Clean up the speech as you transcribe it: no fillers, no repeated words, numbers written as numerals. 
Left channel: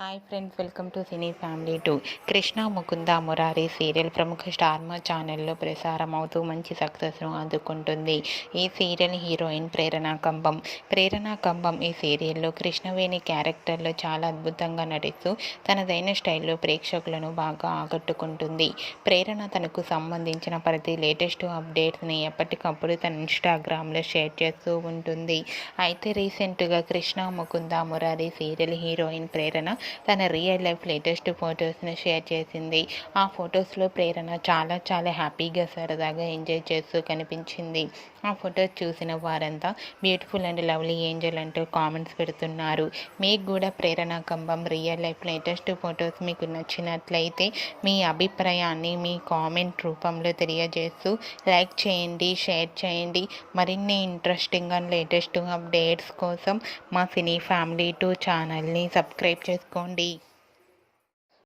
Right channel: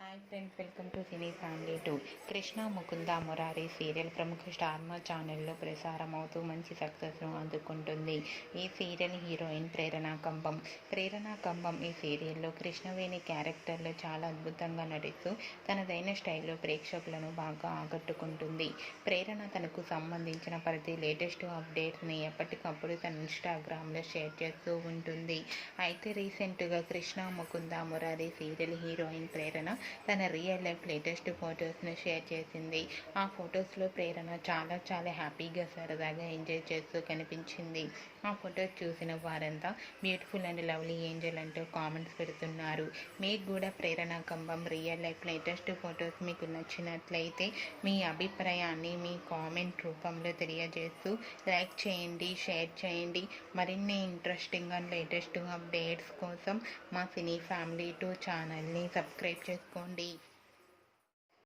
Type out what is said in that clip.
Hi friends, welcome to cine family 2. Krishna Mukunda Murari serial ప్రముఖ స్టార్మా ఛానల్లో ప్రసారం అవుతూ మంచి సక్సెస్ను అందుకుంటుంది. ఈ సీరియల్ హీరోయిన్ ప్రేరణ కంబం. ప్రేరణ కంబం ఈ సీరియల్లో కృష్ణవేణి క్యారెక్టర్లో చాలా అద్భుతంగా నటిస్తూ తనదైన స్టైల్లో ప్రేక్షకులను బాగా ఆకట్టుకుంటుంది. ప్రేరణ తనకు సంబంధించిన ప్రతి లేటెస్ట్ అప్డేట్స్ని ఎప్పటికప్పుడు తన ఇన్స్టాగ్రామ్లో షేర్ చేస్తూ ఉంటుంది. అయితే రీసెంట్గా కృష్ణ ముకుంద మురారి సీరియల్ హీరోయిన్ ప్రేరణ తన రియల్ లైఫ్ లేటెస్ట్ ఫొటోస్ను షేర్ చేసింది. ఆ ఫొటోస్లో ప్రేరణ చాలా హ్యాపీగా సరదాగా ఎంజాయ్ చేస్తూ కనిపించింది. ఆ ఫొటోస్ చూసిన వారంతా బ్యూటిఫుల్ అండ్ లవ్లీ ఏంజల్ అంటూ కామెంట్స్ పెడుతున్నారు. మీకు కూడా ప్రేరణ కంబం రియల్ లైఫ్ లేటెస్ట్ ఫొటోస్ మీకు నచ్చినట్లయితే మీ అభిప్రాయాన్ని మీ కామెంట్ రూపంలో తెలియజేస్తూ లైక్ చేయండి, షేర్ చేయండి. మరిన్ని ఇంట్రెస్టింగ్ అండ్ లేటెస్ట్ అప్డేట్స్ కోసం మా సినీ ఫ్యామిలీ 2 ఛానల్ని సబ్స్క్రైబ్ చేసుకోండి.